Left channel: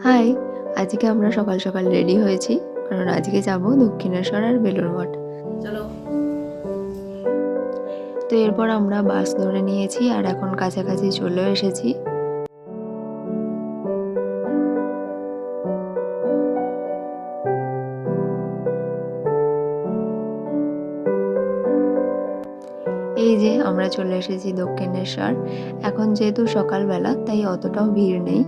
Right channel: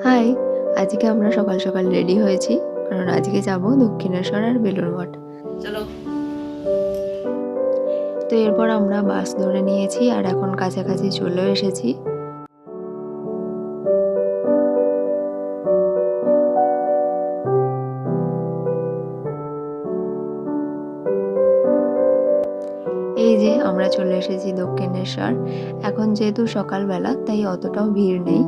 High আজকে আমরা সকাল সকাল রেডি হয়েছি কারণ আজকে যাব দক্ষিণেশ্বর আর বেলুর মঠ। চলো। তো এরপর আমরা বাস ধরে নিয়েছি আর এখন কাছাকাছি চলে এসেছি। এই যে আমরা চলে এসেছি দক্ষিণেশ্বর। এখন যেহেতু সকালবেলা তাই অতটাও ভিড় নেই।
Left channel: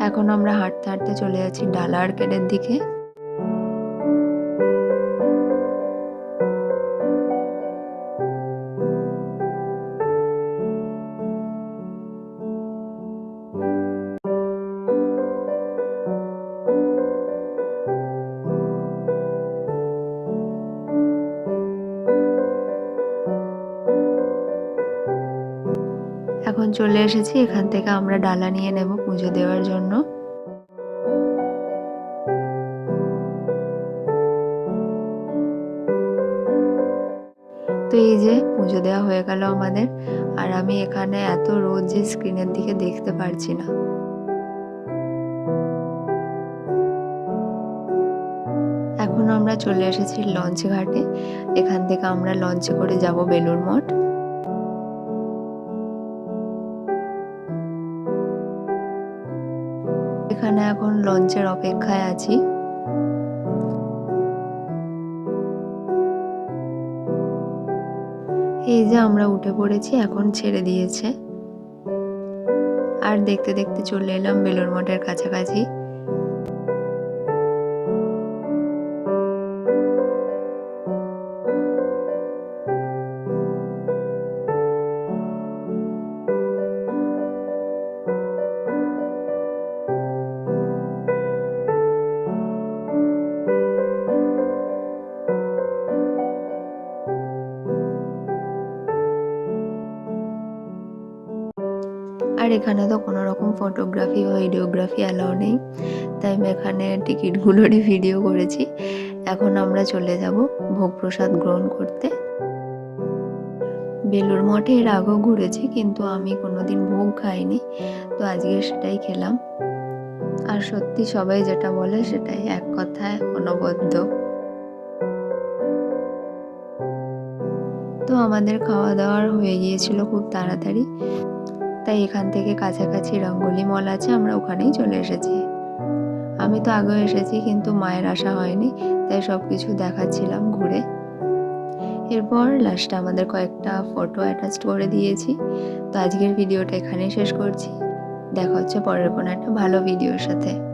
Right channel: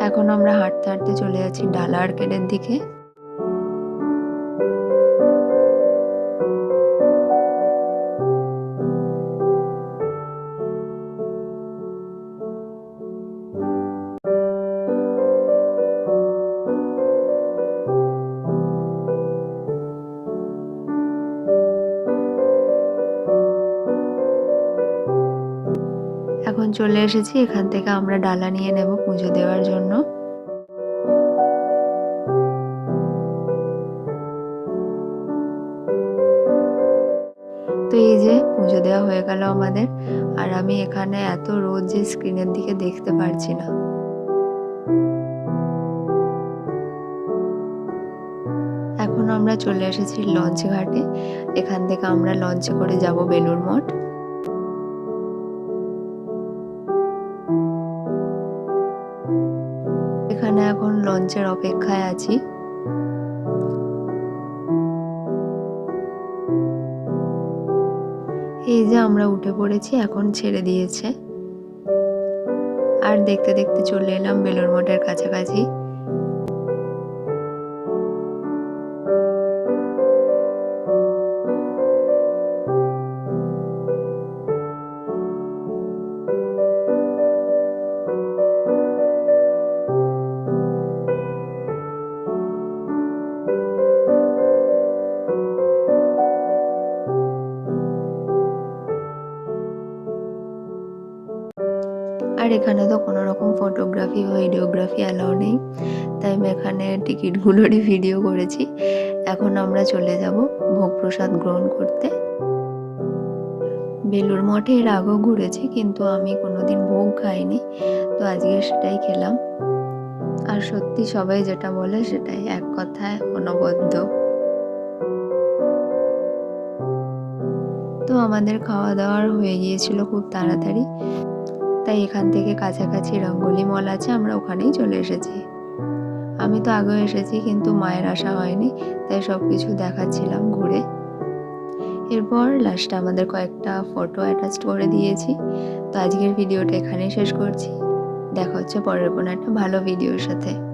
এখন আমরা হাঁটতে হাঁটতে চলে যাচ্ছি ডালা আর্কেডের দিকে। এখন চলে এসেছি, এখান থেকে আমরা ডালা নিয়ে নেব পুজো দেওয়ার জন্য। তো এই যে পুজো দেওয়া হয়ে গেল আমাদের, আর আমি এখানে এত রোদ যে স্ক্রিনের দিকে দেখতে পারছি না। এখন আমরা চলে এসেছি লঞ্চ ঘাটে এখান থেকে আমরা লঞ্চে করে যাব বেলুর মঠ। এখানে এখন লঞ্চের অপেক্ষায় আছি। এই যে আমরা উঠে পড়েছি, এখন ছেড়ে দিয়েছে। আর দেখতে দেখতে চলে এলাম বেলুর মঠের কাছাকাছি। আর এখানে তো কোনো রকম ফটোগ্রাফি বা ভিডিওগ্রাফি অ্যালাউ নেই। তাই আমি এখানে টিকিটগুলোরই ভিডিও করেছি। এখন আমরা চলে যাব ভোগ প্রসাদ গ্রহণ করতে। বেলুর মঠে এর আগেও ঘুরেছি, কিন্তু আমি কোনোদিন ভোগ খাইনি। তো আজকে সেটাই খেলাম। আর সত্যি সবাই যেটা বলে সেটাই এক কথায় অনবদ্য। তো আমাদের খাওয়া দাওয়ার হয়ে গিয়েছিল খুব তাড়াতাড়ি। তাই এখান থেকে কাছাকাছি রঙ্গলি মল আছে, আমরা ওখানেই চলে এসেছি। আমি তো আগেও এসেছি, কিন্তু মায়ের আসা হয়নি, তাই সব কিছু দেখাচ্ছিলাম ঘুরে। এরপর লাস্টে আমাদের কয়েকটা ফটো অ্যাটাচ করে দিয়েছি। তো আজকের ভিডিওটা এখানেই শেষ করছি। দেখা হচ্ছে পরের কোনো একটা ভালো ভিডিওর সাথে।